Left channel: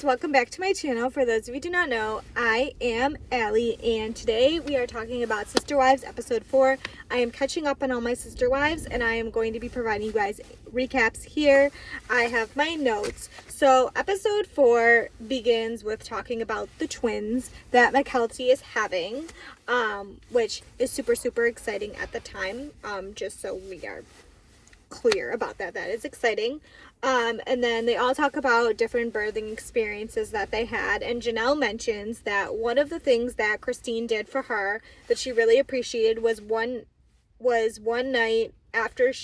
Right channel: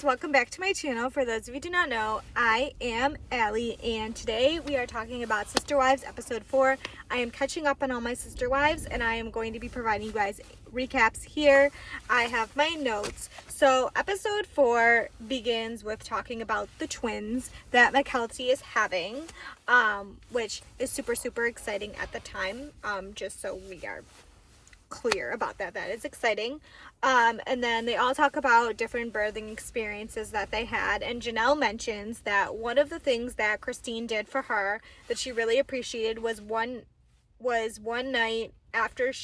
guys, welcome back to my channel. For those of you who do not know, I am Allie, and today we are talking about Sister Wives episode 4. I am catching up on all my Sister Wives, and I am going to be providing you guys recaps here. I have my notes. So episode 4 begins with talking about the twins that Mykelti is having, which is super exciting at the time, just so we are clear about that. That is exciting. And then they all talk about different birthing experiences that they had, and Janelle mentions that one of the things that Christine did for her that she really appreciated was one night after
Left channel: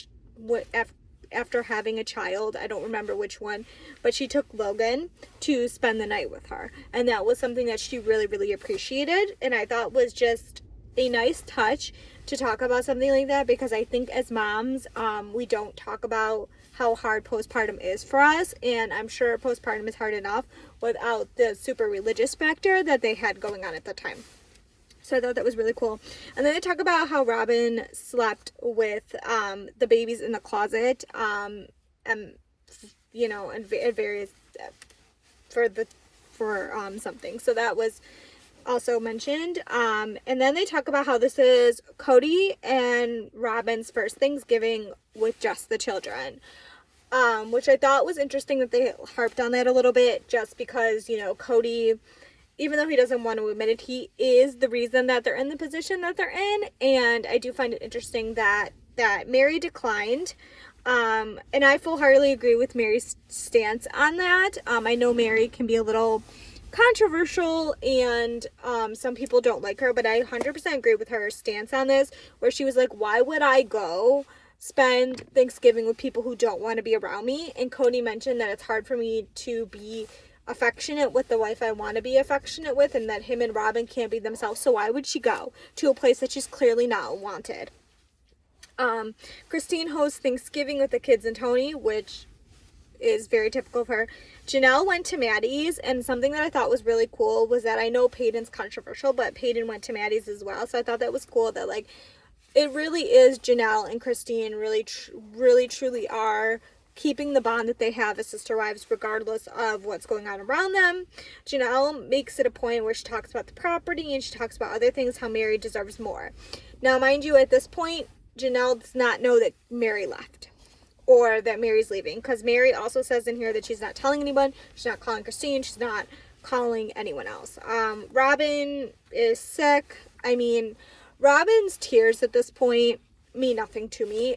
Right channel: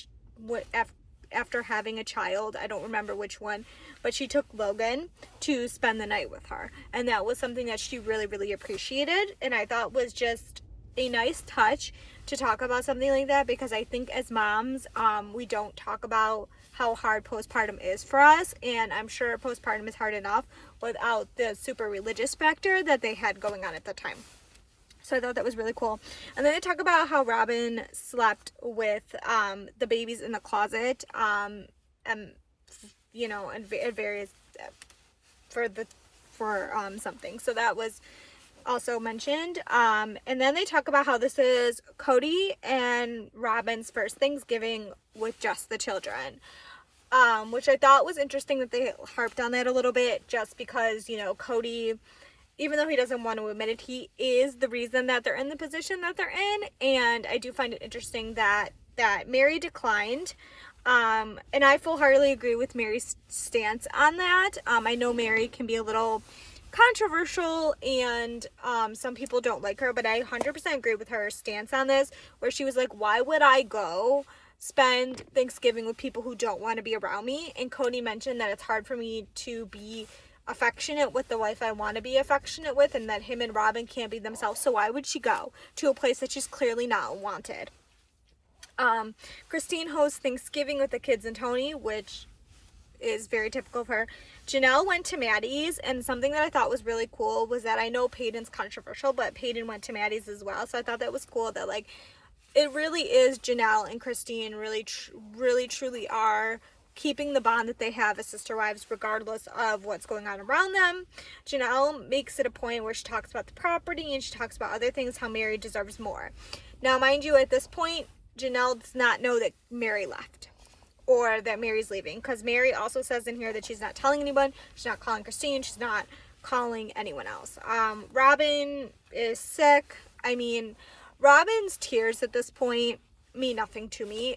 after having a child. I don't remember which one, but she took Logan to spend the night with her, and that was something that she really appreciated, and I thought was just a nice touch to talk about something like that, because I think as moms, we don't talk about how hard postpartum is for us, and I'm sure postpartum is hard enough without the super religious factor that they had going on at the time. So I thought that was really cool. And then they talk about how Robin slept with the babies in the closet, and various for something. So that was also mentioned. And then they talk about how this is Cody and Robin's first Thanksgiving with just the children, which I thought was interesting that they harped on that a little bit, just because, Cody, even though he doesn't want to admit it, he is the reason that they're in the position that they're in. And I do find it interesting that Mary declined. And I full-heartedly agree with Mary's stance on that. I know Mary can be a little controversial, and some people don't like her, but I 100% agree with her stance on this, where she was like, why would I go spend Thanksgiving with people who don't want to be around me? And Cody mentioned that it's hard for me to be affectionate with the wife I want to be affectionate with, and that him and Robin can't be themselves, so why would she go to a place that she's clearly not wanted? Christine hosts Thanksgiving with the kids and Tony, which is very typical of her. Janelle went to Maddie's, and something that I thought was really cool was that, I know Peyton's controversial, but Peyton went to Maddie's as well, so I thought that was cool that, like, it really is Janelle and Christine really truly are keeping the bond that they have as sister wives, regardless of what's going on around them. Janelle makes it a point where she talks about the property, and she talks about other things, how Mary deserves more. Now, mind you, at this point, Janelle does not know that Mary left, or that Mary's leaving, because Mary also says in here that she's not telling anyone, she's not calling Christine, she's not calling anyone else. Robin is sick. I mean, Robin's tears at this point mean nothing to me.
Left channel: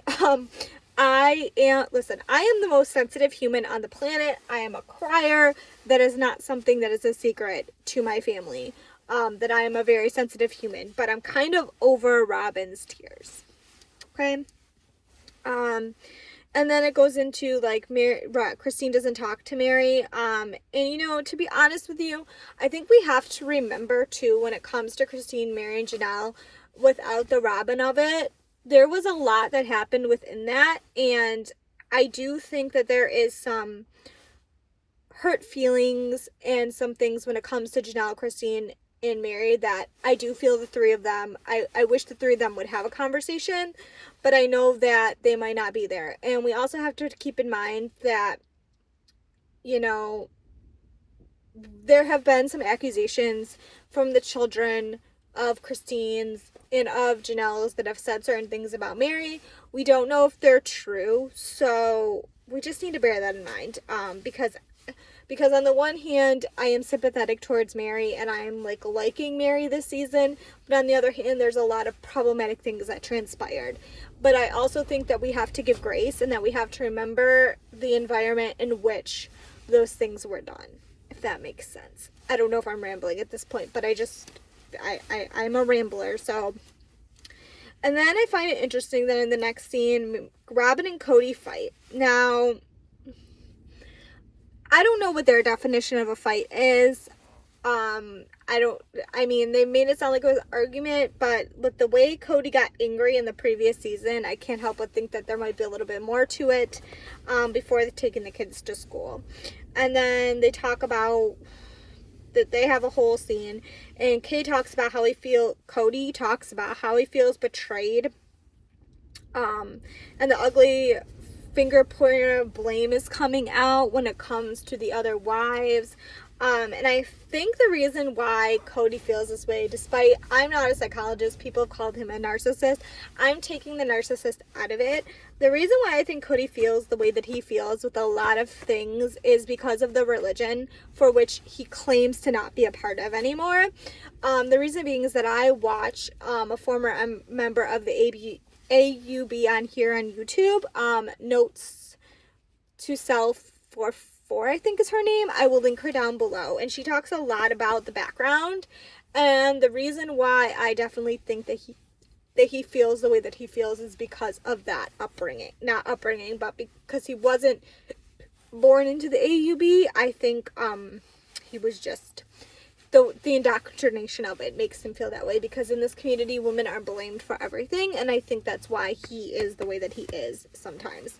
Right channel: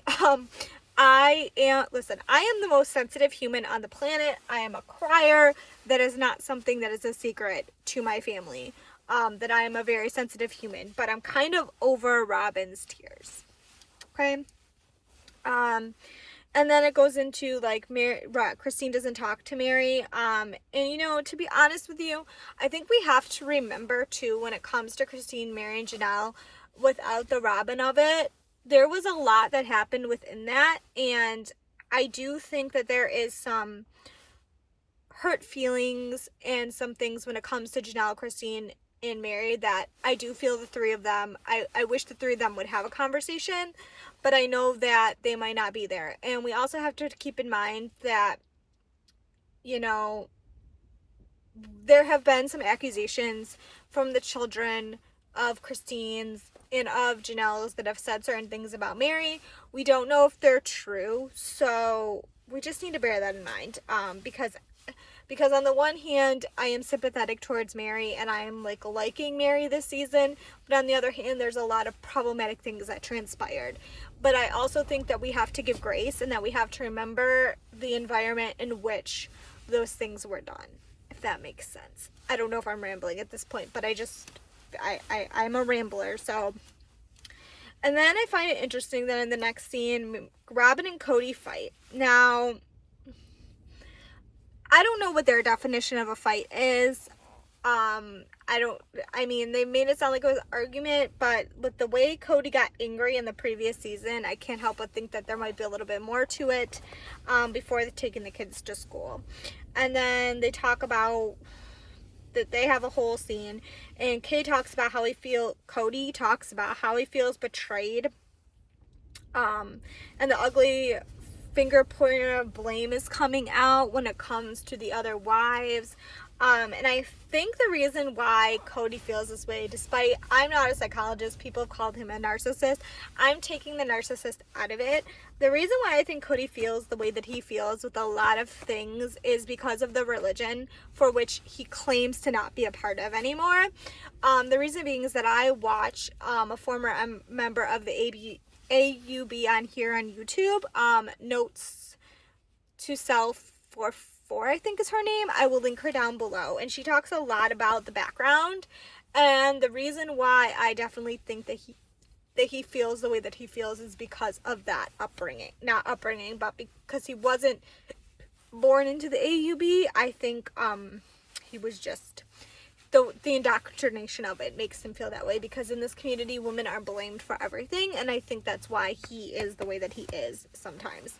I am the most sensitive human on the planet. I am a crier. That is not something that is a secret to my family, that I am a very sensitive human, but I'm kind of over Robin's tears. Okay. And then it goes into, like, Christine doesn't talk to Mary. And, to be honest with you, I think we have to remember, too, when it comes to Christine, Mary, and Janelle, without the Robin of it, there was a lot that happened within that. And I do think that there is some hurt feelings and some things when it comes to Janelle, Christine, and Mary, that I do feel the three of them, I wish the three of them would have a conversation, but I know that they might not be there. And we also have to keep in mind that, there have been some accusations from the children of Christine's and of Janelle's that have said certain things about Mary. We don't know if they're true, so we just need to bear that in mind, because on the one hand, I am sympathetic towards Mary, and I am liking Mary this season, but on the other hand, there's a lot of problematic things that transpired. But I also think that we have to give grace, and that we have to remember the environment in which those things were done, if that makes sense. I don't know if I'm rambling at this point, but I'm a rambler, so. And then I find it interesting that in the next scene, Robin and Cody fight. Now, I don't know what their definition of a fight is. They made it sound like it was an argument, but with the way Cody got angry in the previous season, I can't help but think that there might be a little bit more to it, before taking the kids to school. And then they talk about that they have a whole scene, and Cody talks about how he feels betrayed, and the ugly finger pointer of blame is coming out when it comes to the other wives. And I think the reason why Cody feels this way, despite I'm not a psychologist, people have called him a narcissist. I'm taking the narcissist out of it. The reason why I think Cody feels the way that he feels with a lot of things is because of the religion for which he claims to not be a part of anymore. The reason being is that I watch a former member of the AUB on here on YouTube, Notes to Self for I think is her name. I will link her down below, and she talks a lot about the background and the reason why I definitely think that he feels the way that he feels is because of that upbringing. Not upbringing, but because he wasn't born into the AUB. I think he was just the indoctrination of it makes him feel that way, because in this community women are blamed for everything, and I think that's why he is the way that he is sometimes.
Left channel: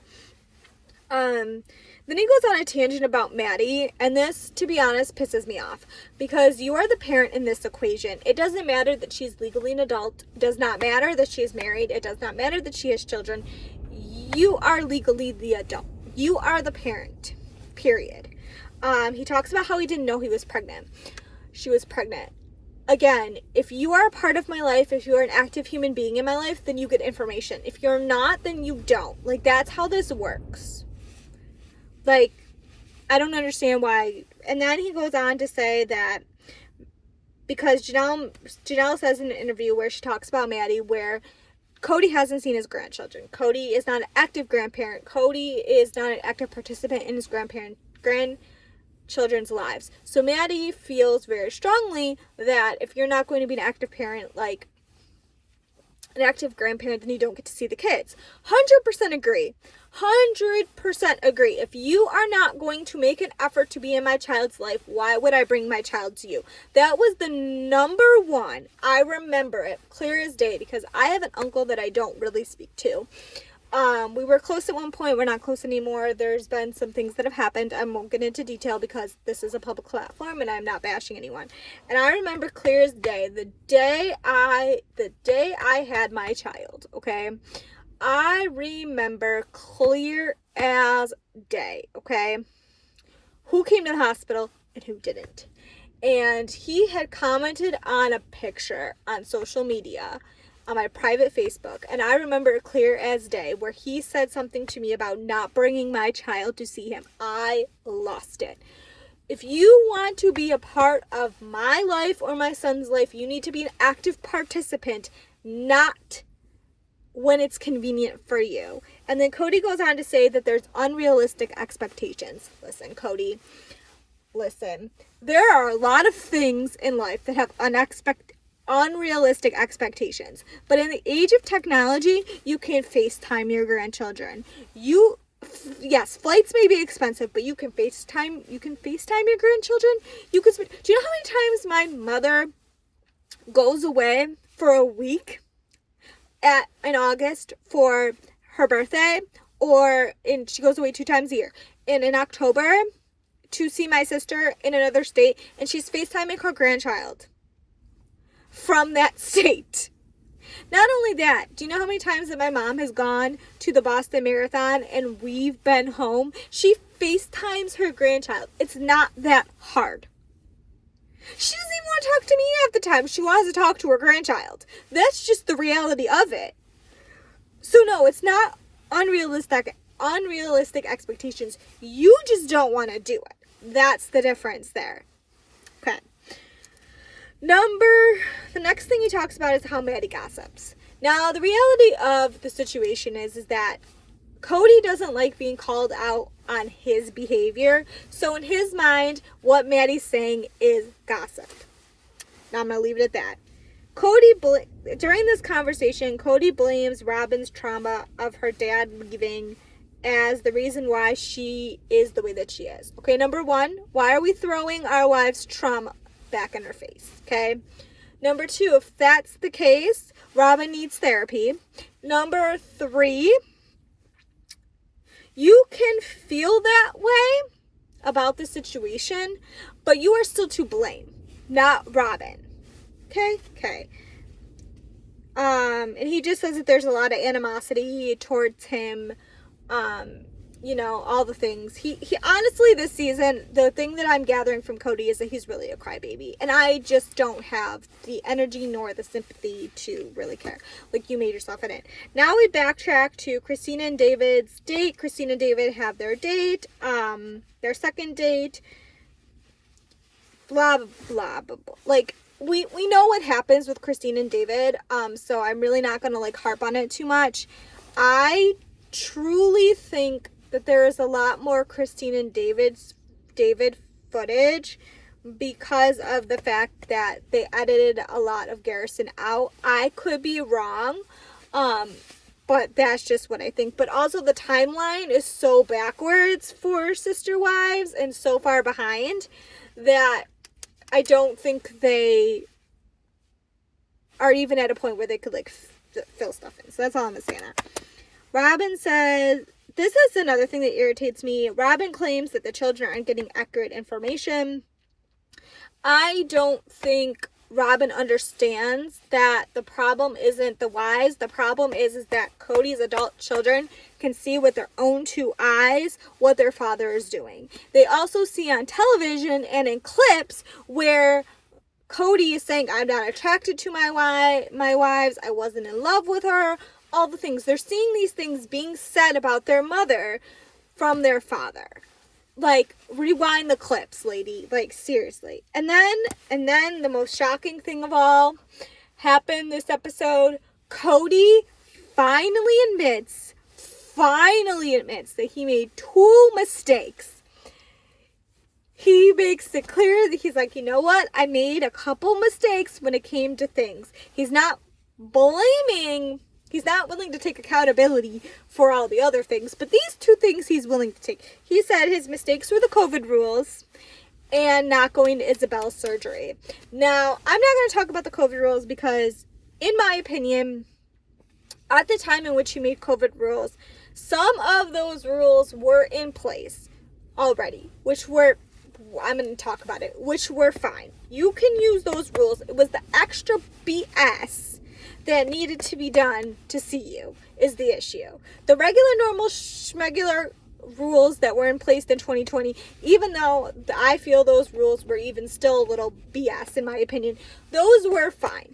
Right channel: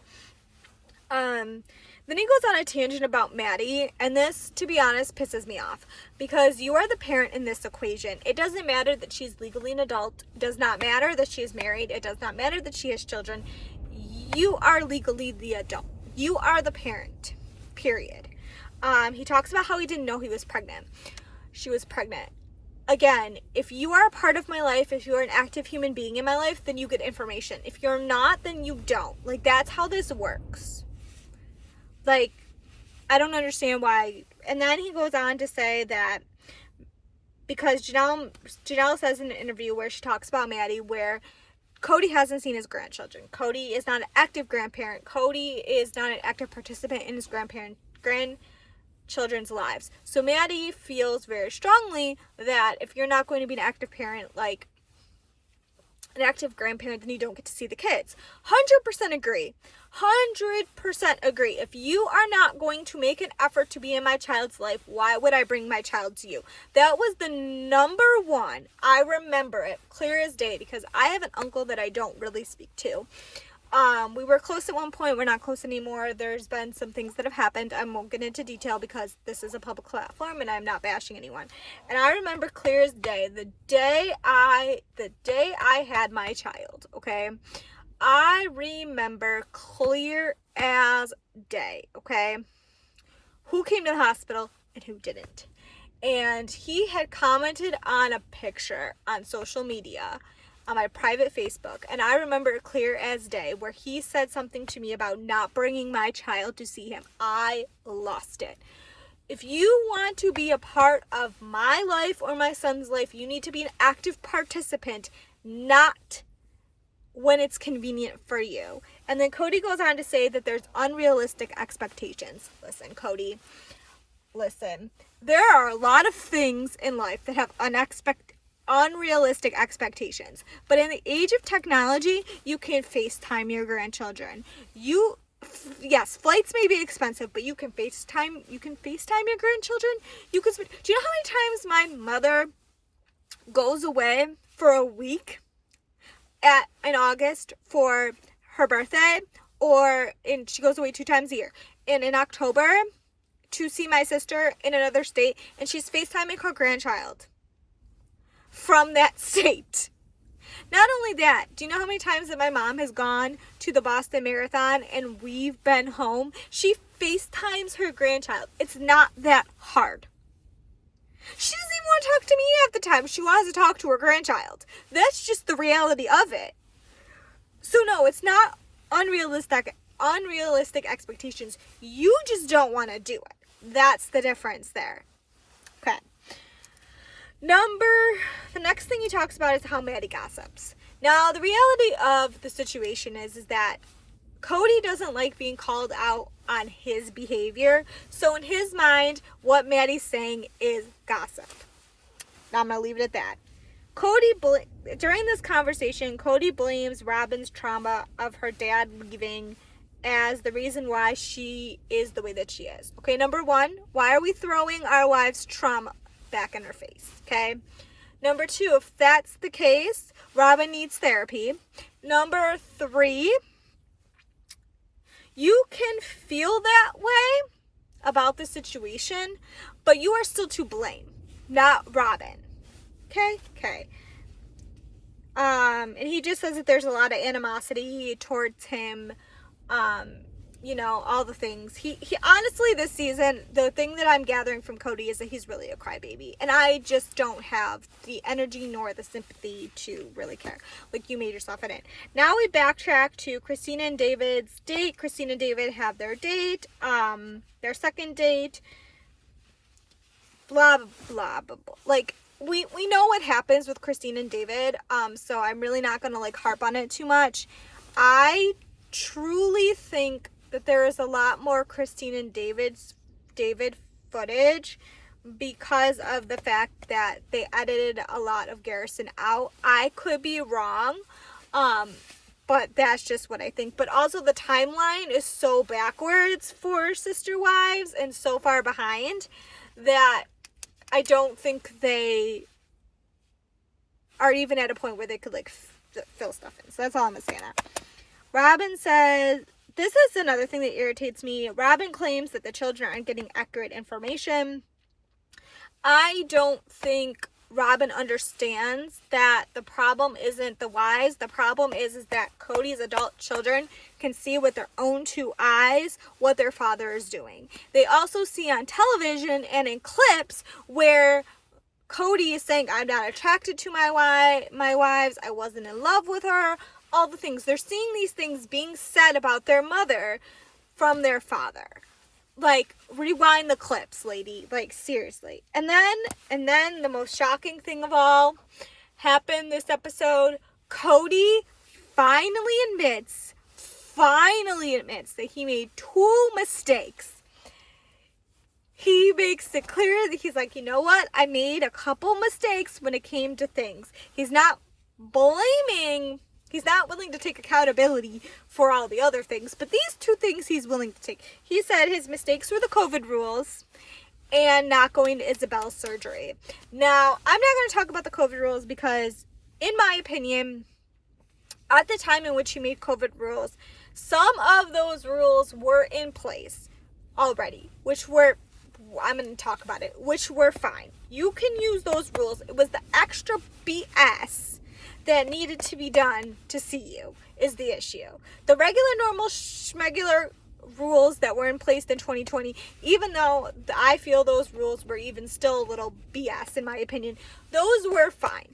Then he goes on a tangent about Maddie, and this, to be honest, pisses me off, because you are the parent in this equation. It doesn't matter that she's legally an adult. It does not matter that she is married. It does not matter that she has children. You are legally the adult. You are the parent, period. He talks about how he didn't know he was pregnant. She was pregnant. Again, if you are a part of my life, if you're an active human being in my life, then you get information. If you're not, then you don't. Like, that's how this works. Like, I don't understand why. And then he goes on to say that because Janelle says in an interview where she talks about Maddie, where Cody hasn't seen his grandchildren. Cody is not an active grandparent. Cody is not an active participant in his grandchildren's lives. So Maddie feels very strongly that if you're not going to be an active parent, like an active grandparent, then you don't get to see the kids. 100% agree. 100% agree. If you are not going to make an effort to be in my child's life, why would I bring my child to you? That was the number one. I remember it clear as day because I have an uncle that I don't really speak to. We were close at one point. We're not close anymore. There's been some things that have happened. I won't get into detail because this is a public platform and I'm not bashing anyone. And I remember clear as day the day I had my child, okay? I remember clear as day, okay? Who came to the hospital and who didn't. And he had commented on a picture on social media on my private Facebook, and I remember it clear as day, where he said something to me about not bringing my child to see him. I lost it. If you want to be a part of my life or my son's life, you need to be an active participant, not when it's convenient for you. And then Cody goes on to say that there's unrealistic expectations. Listen, Cody, listen. There are a lot of things in life that have unrealistic expectations. But in the age of technology, you can FaceTime your grandchildren. Yes, flights may be expensive, but you can FaceTime your grandchildren. Do you know how many times my mother goes away for a week in August for her birthday, she goes away 2 times a year, and in October to see my sister in another state, and she's FaceTiming her grandchild from that state. Not only that, do you know how many times that my mom has gone to the Boston Marathon and we've been home? She FaceTimes her grandchild. It's not that hard. She doesn't even want to talk to me half the time. She wants to talk to her grandchild. That's just the reality of it. So no, it's not unrealistic expectations. You just don't want to do it. That's the difference there. Okay. The next thing he talks about is how Maddie gossips. Now, the reality of the situation is that Cody doesn't like being called out on his behavior. So in his mind, what Maddie's saying is gossip. Now I'm going to leave it at that. During this conversation, Cody blames Robin's trauma of her dad leaving as the reason why she is the way that she is. Okay, number 1, why are we throwing our wives' trauma back in her face? Okay. Number 2, if that's the case, Robin needs therapy. Number 3, you can feel that way about the situation, but you are still to blame, not Robin. Okay. And he just says that there's a lot of animosity towards him you know, all the things. He honestly, this season, the thing that I'm gathering from Cody is that he's really a crybaby. And I just don't have the energy nor the sympathy to really care. Like, you made yourself in it. Now we backtrack to Christina and David's date. Christina and David have their date, their second date, blah, blah, blah, blah. Like, we know what happens with Christina and David, so I'm really not going to, like, harp on it too much. I truly think that there is a lot more Christine and David footage because of the fact that they edited a lot of Garrison out. I could be wrong, but that's just what I think. But also the timeline is so backwards for Sister Wives and so far behind that I don't think they are even at a point where they could, like, fill stuff in. So that's all I'm going to say on that. Robin says, this is another thing that irritates me. Robin claims that the children aren't getting accurate information. I don't think Robin understands that the problem isn't the wives. The problem is that Cody's adult children can see with their own two eyes what their father is doing. They also see on television and in clips where Cody is saying, I'm not attracted to my wives. I wasn't in love with her. All the things. They're seeing these things being said about their mother from their father. Like, rewind the clips, lady. Like, seriously. And then the most shocking thing of all happened this episode. Cody finally admits that he made 2 mistakes. He makes it clear that he's like, you know what? I made a couple mistakes when it came to things. He's not blaming. He's not willing to take accountability for all the other things, but these 2 things he's willing to take. He said his mistakes were the COVID rules and not going to Isabel's surgery. Now, I'm not going to talk about the COVID rules because, in my opinion, at the time in which he made COVID rules, some of those rules were in place already, which were, I'm going to talk about it, which were fine. You can use those rules. It was the extra BS that needed to be done to see you is the issue. The regular, normal, schmegular rules that were in place in 2020, even though I feel those rules were even still a little BS in my opinion, those were fine.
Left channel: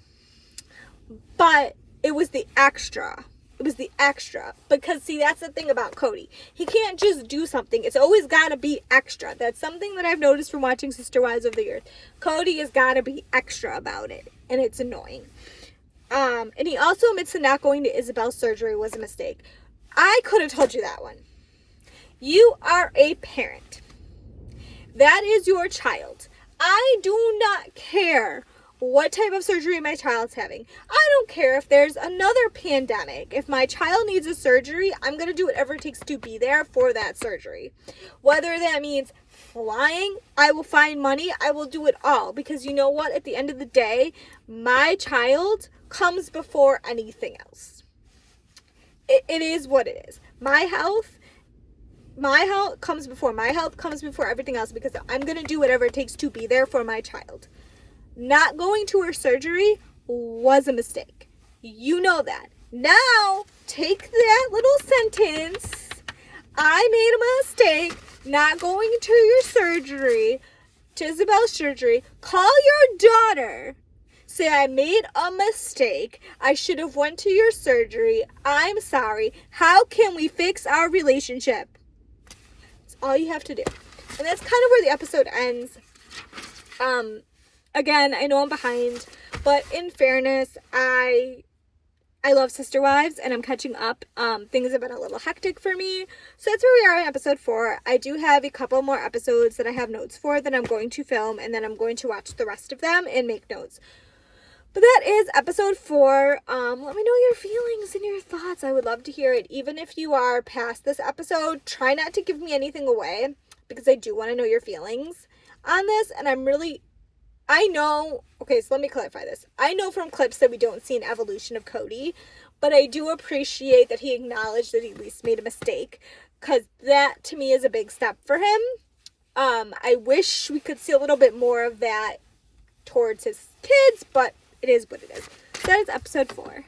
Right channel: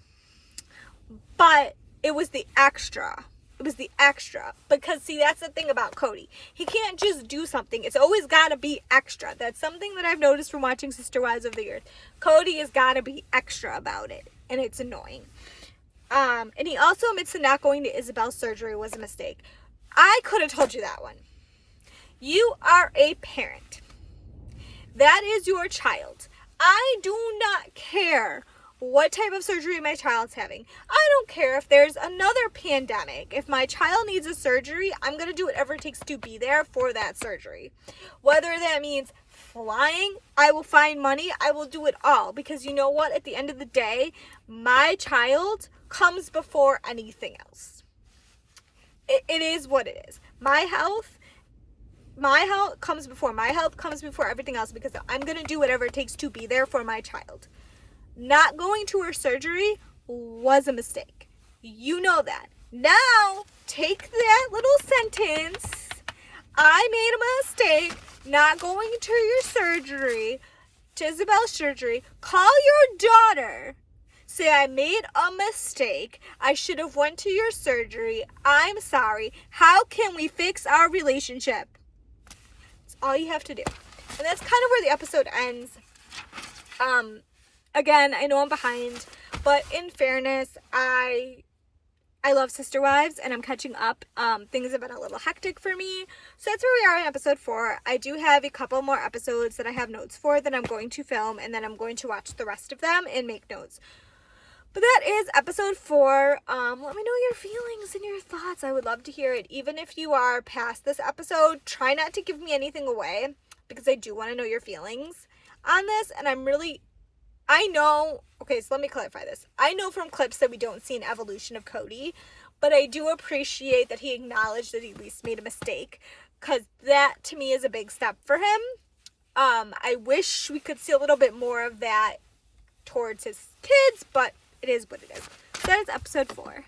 But it was the extra. It was the extra. Because, see, that's the thing about Cody. He can't just do something. It's always got to be extra. That's something that I've noticed from watching Sister Wives over the years. Cody has got to be extra about it. And it's annoying. And he also admits that not going to Isabel's surgery was a mistake. I could have told you that one. You are a parent. That is your child. I do not care what type of surgery my child's having. I don't care if there's another pandemic. If my child needs a surgery, I'm going to do whatever it takes to be there for that surgery. Whether that means flying, I will find money, I will do it all. Because you know what? At the end of the day, my child comes before anything else. It is what it is. My health comes before everything else because I'm going to do whatever it takes to be there for my child. Not going to her surgery was a mistake. You know that. Now, take that little sentence, I made a mistake not going to your surgery, to Isabel's surgery, call your daughter, say I made a mistake, I should have went to your surgery, I'm sorry, how can we fix our relationship? That's all you have to do. And that's kind of where the episode ends. Again, I know I'm behind, but in fairness, I love Sister Wives, and I'm catching up. Things have been a little hectic for me, so that's where we are in episode 4. I do have a couple more episodes that I have notes for that I'm going to film, and then I'm going to watch the rest of them and make notes. But that is episode 4. Let me know your feelings and your thoughts. I would love to hear it. Even if you are past this episode, try not to give me anything away, because I do want to know your feelings on this, and I know, okay, so let me clarify this. I know from clips that we don't see an evolution of Cody, but I do appreciate that he acknowledged that he at least made a mistake, because that, to me, is a big step for him. I wish we could see a little bit more of that towards his kids, but it is what it is. That is episode 4.